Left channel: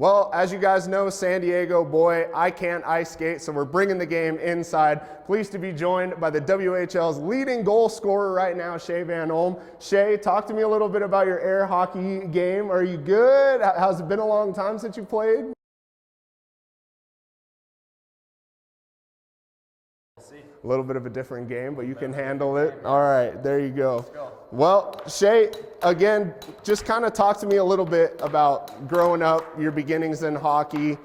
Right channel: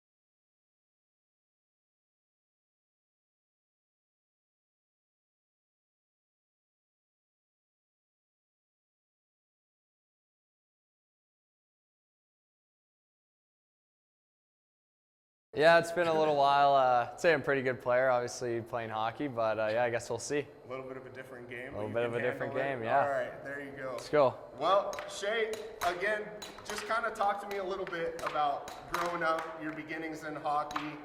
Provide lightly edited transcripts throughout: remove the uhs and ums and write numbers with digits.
Well, as you guys know, San Diego, boy, I can't ice skate, so we're bringing the game inside. Pleased to be joined by the WHL's leading goal scorer right now, Shea Van Olm. Shea, talk to me a little bit about your air hockey game. Are you good? How's it been a long time since you played? Yeah, it's been a little while. I'd say I'm a pretty good player, obviously playing hockey, but yeah, I guess we'll see. A little bit of a different game, but you can handle it. it. Game, yeah. All right, there you go. Let's go. Well, Shea, again, just kind of talk to me a little bit about growing up, your beginnings in hockey,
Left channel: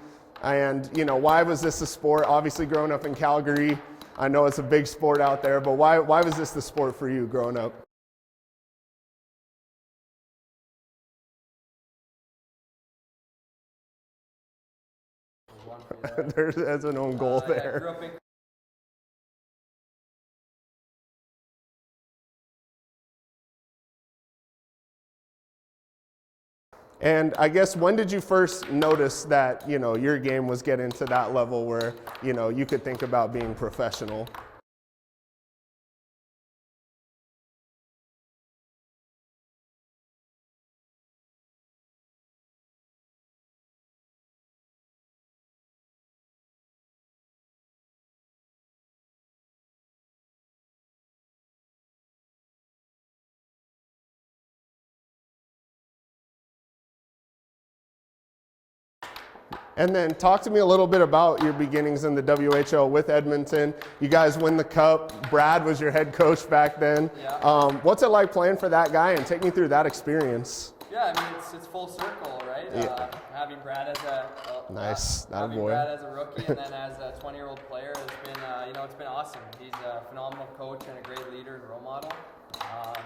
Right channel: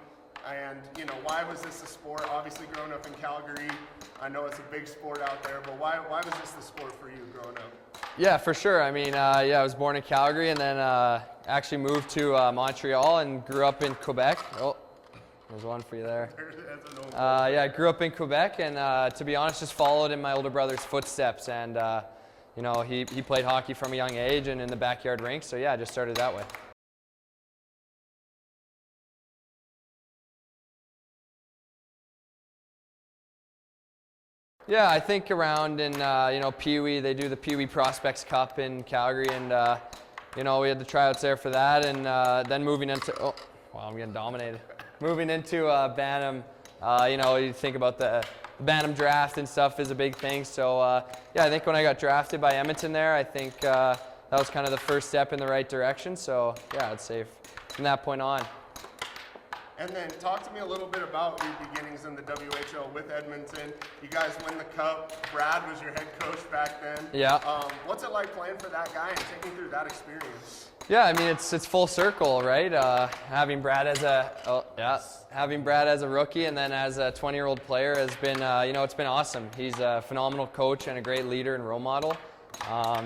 and why was this a sport? Obviously, growing up in Calgary, I know it's a big sport out there, but why was this the sport for you growing up? Yeah, for sure. I mean, yeah, I was born in Calgary and then actually moved to Montreal and grew up in Quebec. Oh, there's one for you there. There's an own goal there. Yeah, I grew up in Quebec and to be honest, just followed in my older brother's footsteps. And he played hockey from a young age and in the backyard rink. So yeah, I just started that way. And I guess when did you first notice that your game was getting to that level where you could think about being professional? Yeah, I think around in Pee Wee, they do the Pee Wee Prospects Cup in Calgary, and we had the tryouts there for that, and then moving into I'm getting dominated. Moving into Bantam, you think about the Bantam draft and stuff is a big thing. So yeah, I think when I got drafted by Edmonton there, I think that was kind of the first step in the right direction. So yeah, I'd say from that point on. And then talk to me a little bit about your beginnings in the WHL with Edmonton. You guys win the cup. Brad was your head coach back then. Yeah. What's it like playing for that guy, and take me through that experience? Yeah, I mean it's full circle, right? Yeah. Having Brad as a Brad as a rookie and then as a 20-year-old player has been it's been awesome. He's a phenomenal coach and a great leader and role model.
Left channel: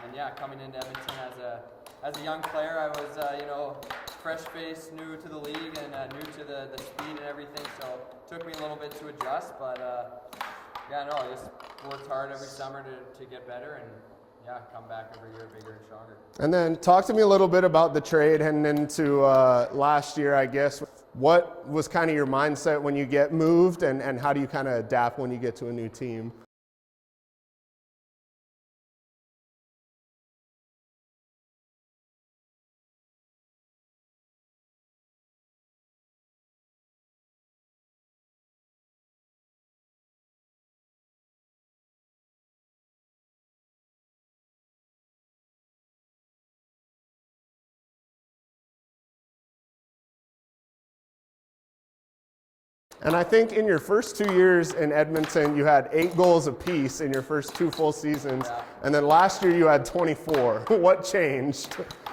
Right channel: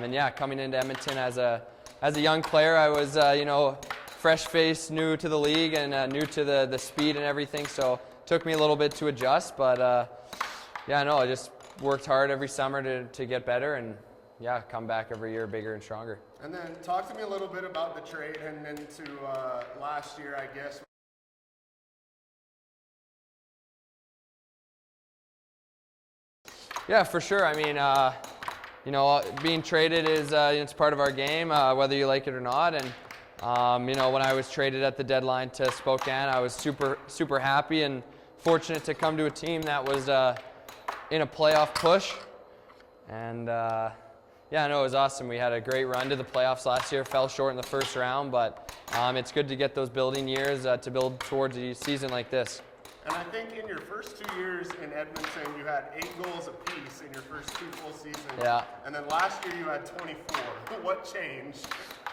And yeah, coming into Edmonton as a young player, I was fresh face, new to the league and new to the speed and everything. So it took me a little bit to adjust, but I just worked hard every summer to get better and yeah, come back every year bigger and stronger. And then talk to me a little bit about the trade heading into last year, I guess. What was kind of your mindset when you get moved, and how do you kind of adapt when you get to a new team? Yeah, for sure. I mean, being traded is it's part of our game, whether you like it or not. And when I was traded at the deadline to Spokane, I was super happy and fortunate to come to a team that was in a playoff push. And yeah, I know it was awesome. We had a great run to the playoffs last year. Fell short in the first round, but it's good to get those building years to build towards a season like this. And I think in your first 2 years in Edmonton, you had 8 goals apiece in your first 2 full seasons. Yeah. And then last year you had 24. What changed?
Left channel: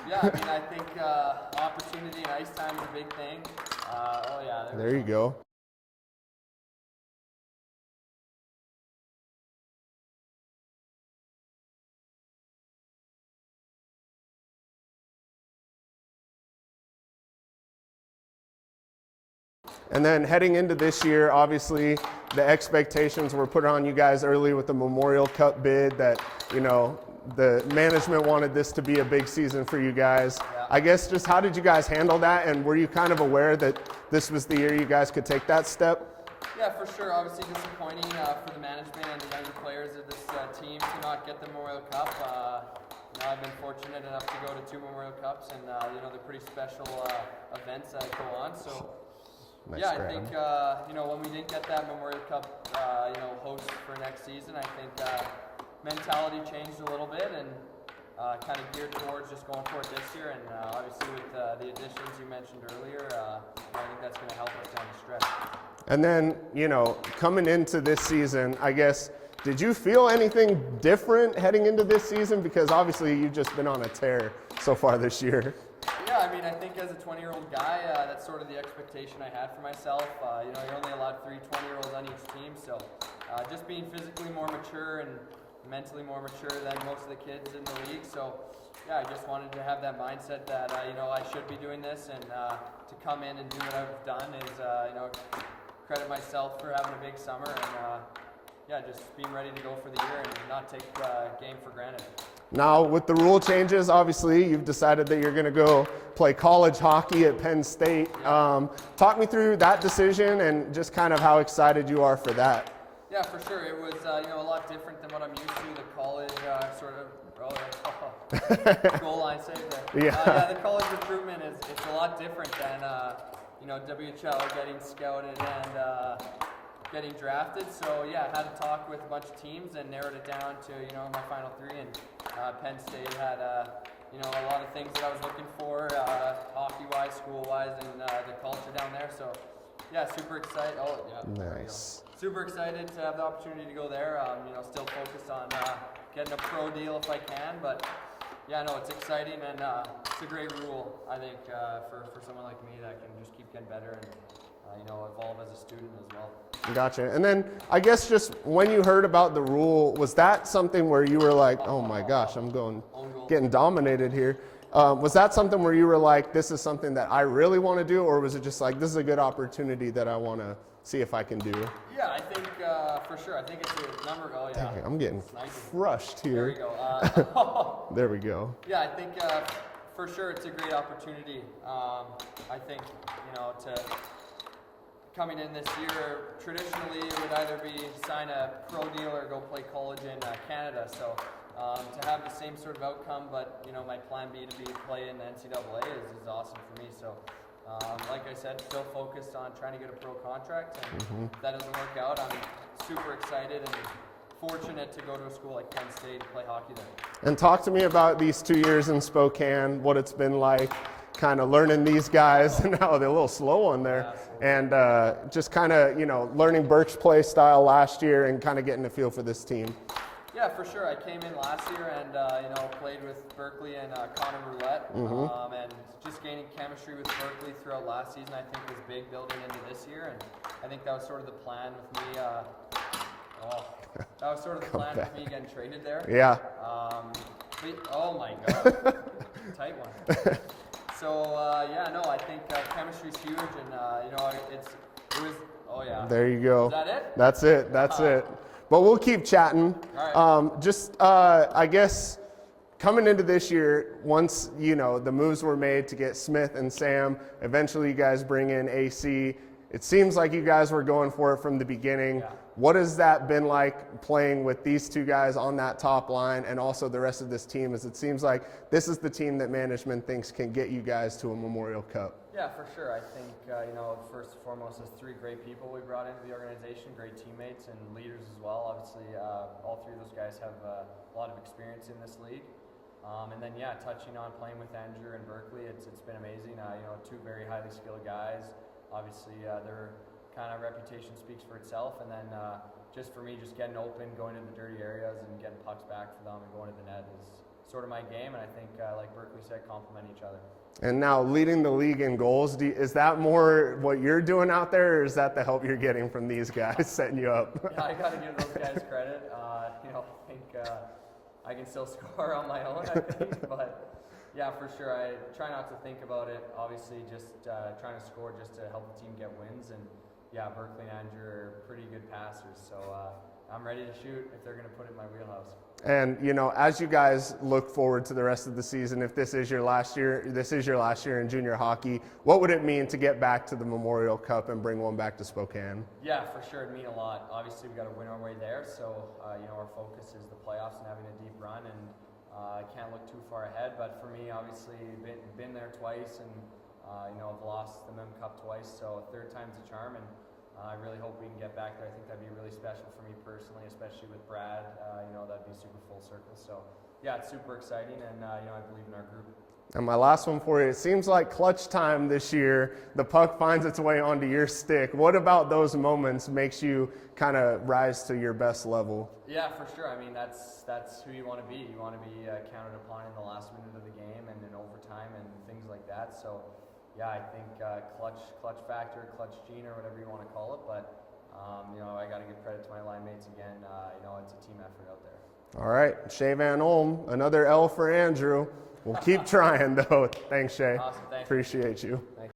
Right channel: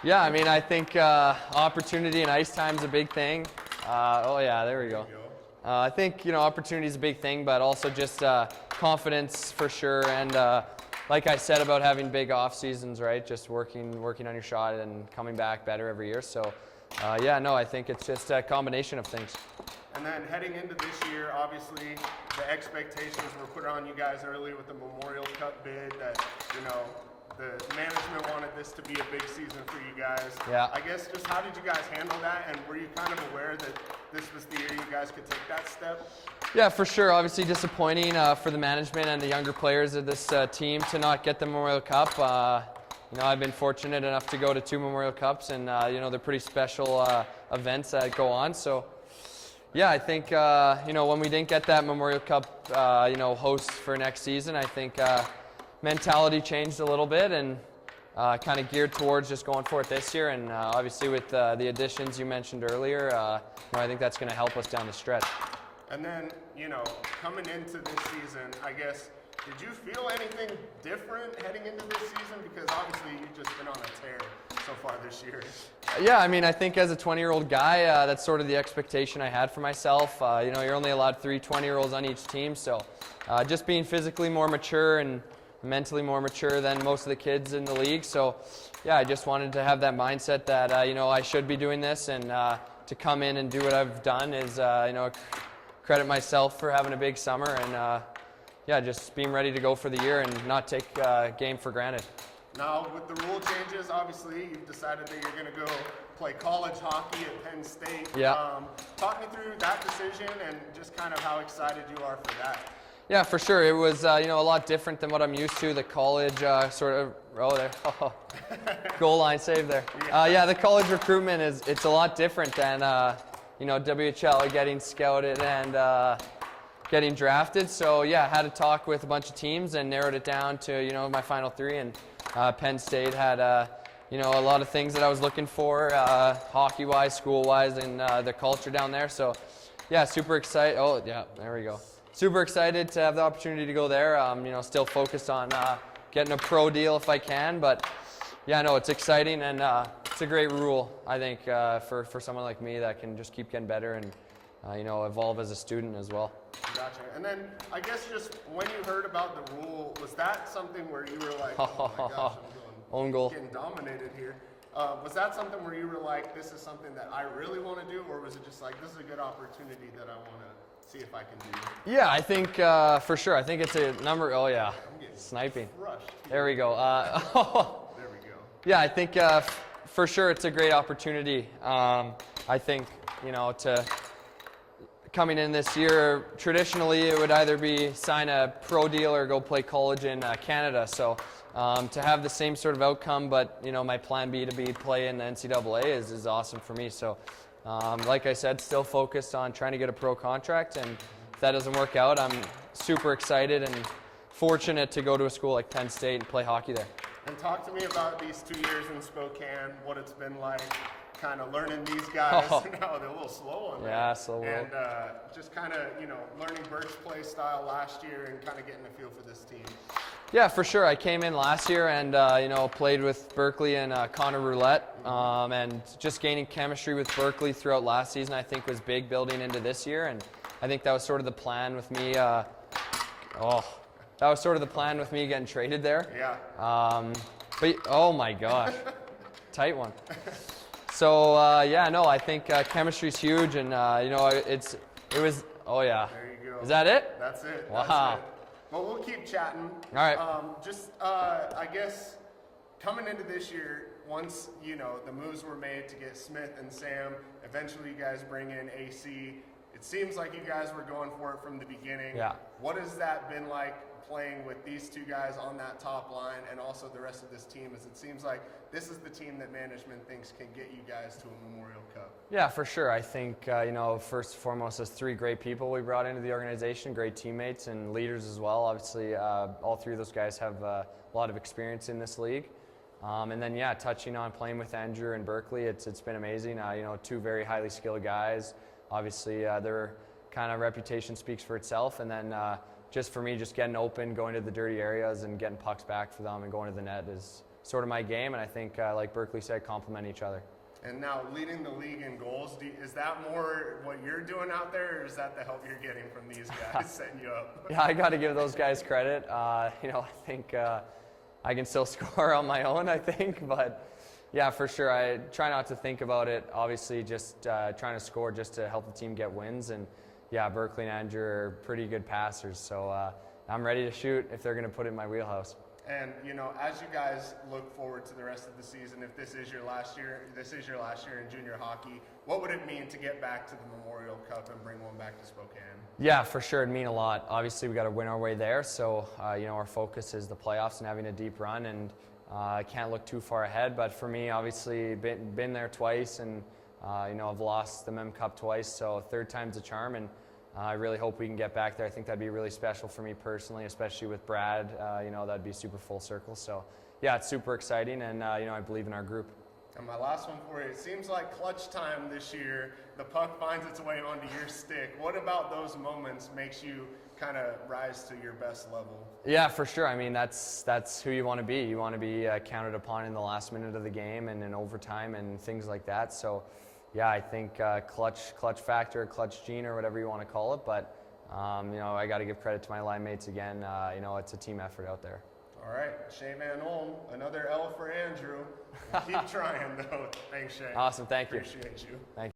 Yeah, I mean, I think opportunity and ice time is a big thing. There you go. I think, opportunity is a big thing, but also just confidence for sure. And like I said about having big off seasons, right? Just working on your shot and coming back better every year. So I think it's just a combination of things. And then heading into this year, obviously the expectations were put on you guys early with the Memorial Cup bid that, the management wanted this to be a big season for you guys. Yeah. I guess just how did you guys handle that, and were you kind of aware that this was the year you guys could take that step? Yeah, for sure. Obviously disappointing for the management and the younger players of this team to not get the Memorial Cup. I've been fortunate enough to go to 2 Memorial Cups, and they're pretty special events that go on. So yeah, I think when we didn't get that Memorial Cup host for next season, I think mentality changed a little bit and kind of geared towards just going for it this year. And obviously with the additions you mentioned earlier, I think that's going to help us down the stretch. And then, coming into this season, I guess, did you feel anything different heading into this season? Because obviously you've just been on a tear so far this year. Yeah, I mean, I think as a 20-year-old guy, that's sort of the expectation I had for myself. You're only allowed 3 20-year-olds on each team, so just being physically more mature and mentally more mature than most of the kids in the league. So yeah, I just wanted to have that mindset that, I should be doing this, and to come in and do what I've done is, credit myself for having a big summer and just being ready to go for the year and not take game for granted. Now with the rule changes, obviously you've decided that you're going to go play college hockey at Penn State. Yeah. Talk me through that decision and just kind of how excited you are for that. Yeah, for sure. It was a lot different than what I'm used to. The college goal line save there. Yeah. The college recruitment it's a lot different than WHL getting scouted and getting drafted. So yeah, I had to talk with a bunch of teams and narrowed it down to my final 3. And Penn State had a lot of things that I was looking for, hockey-wise, school-wise, and the culture down there. So yeah, super excited. Oh yeah, there we go. Super excited to have the opportunity to go there. Still focused on getting a pro deal if I can, but yeah, no, it's exciting and it's a great rule, I think, for someone like me that can just keep getting better and evolve as a student as well. Gotcha. And then I guess just when you heard about the rule, was that something where you were like, oh my gosh, I'm getting dominated here? Was that something where you were like, this is something that I really want to do, or was it just like, this is a good opportunity that I want to see if I can do? Yeah, I think for sure. I think it's a number. Oh yeah, okay, I'm getting sniping. Crushed here. There we go. There we go. Yeah, I think for sure it's a great opportunity. I think to coming in this year, traditionally it would either be sign a pro deal or go play college in Canada. So to have the same sort of outcome, but my plan B to be play in the NCAA is awesome for me. So like I said, still focused on trying to get a pro contract, and if that doesn't work out, I'm super excited and fortunate to go to a school like Penn State and play hockey there. And talk to me about these 2 years in Spokane, what it's been like, kind of learning these guys. Now they're a little slow on there. Yeah, slow. And just kind of, learning Burke's play style last year and kind of getting a feel for this team. Yeah, for sure. I came in last year and played with Berkeley and Connor Roulette, and just gaining chemistry with Berkeley throughout last season I think was big building into this year, and I think that was sort of the plan with me. That was sort of the plan with me getting traded there. Yeah. But oh my gosh, tight one. So I think chemistry's huge, and it was. Oh yeah. There you go. Is that it? That's it. That's it. But we'll keep chatting. All right. I guess coming into this year, once the moves were made to get Smith and Sam, eventually you guys bring in AC. It seems like you guys were going for it from the beginning. Yeah. What has that been like playing with these 2 guys on that top line and also the rest of this team, as it seems like this is the team that management thinks can get you guys to a Memorial Cup? Yeah, for sure. I think, first and foremost, as 3 great people we brought into the organization, great teammates and leaders as well. Obviously, all 3 of those guys have a lot of experience in this league. And then, touching on playing with Andrew and Berkeley, it's been amazing. 2 very highly skilled guys. Obviously, their kind of reputation speaks for itself. And then just for me, just getting open, going to the dirty areas and getting pucks back for them and going to the net is sort of my game. And I think, like Berkeley said, complement each other. And now leading the league in goals, is that more what you're doing out there, or is that the help you're getting from these guys setting you up? Yeah, I got to give those guys credit. I think I can still score on my own, I think. But yeah, for sure. I try not to think about it. Obviously, just trying to score just to help the team get wins. And yeah, Berkeley and Andrew are pretty good passers. So I'm ready to shoot if they're going to put it in my wheelhouse. And as you guys look forward to the rest of the season, if this is your last year in junior hockey, what would it mean to get back to the Memorial Cup and bring one back to Spokane? Yeah, for sure, it'd mean a lot. Obviously, we got to win our way there. So our focus is the playoffs and having a deep run. And I can't look too far ahead. But for me, obviously, been there twice, and I've lost the Mem Cup twice. So 3rd time's a charm. And I really hope we can get back there. I think that'd be really special for me personally, especially with Brad. That'd be super full circle. So, yeah, it's super exciting, and I believe in our group. And my last one for you, it seems like clutch time this year, the puck finds its way onto your stick. What about those moments makes you kind of rise to your best level? Yeah, for sure. I mean, that's who you want to be. You want to be counted upon in the last minute of the game and in overtime and things like that. So, yeah, I think clutch factor, clutch gene, or whatever you want to call it. But, I got to give credit to my line mates again. It's a team effort out there. All right, Shea Van Olm, another L for Andrew. We'll keep trying, though. Thanks, Shea. Awesome, thank you. Appreciate you. Thank you.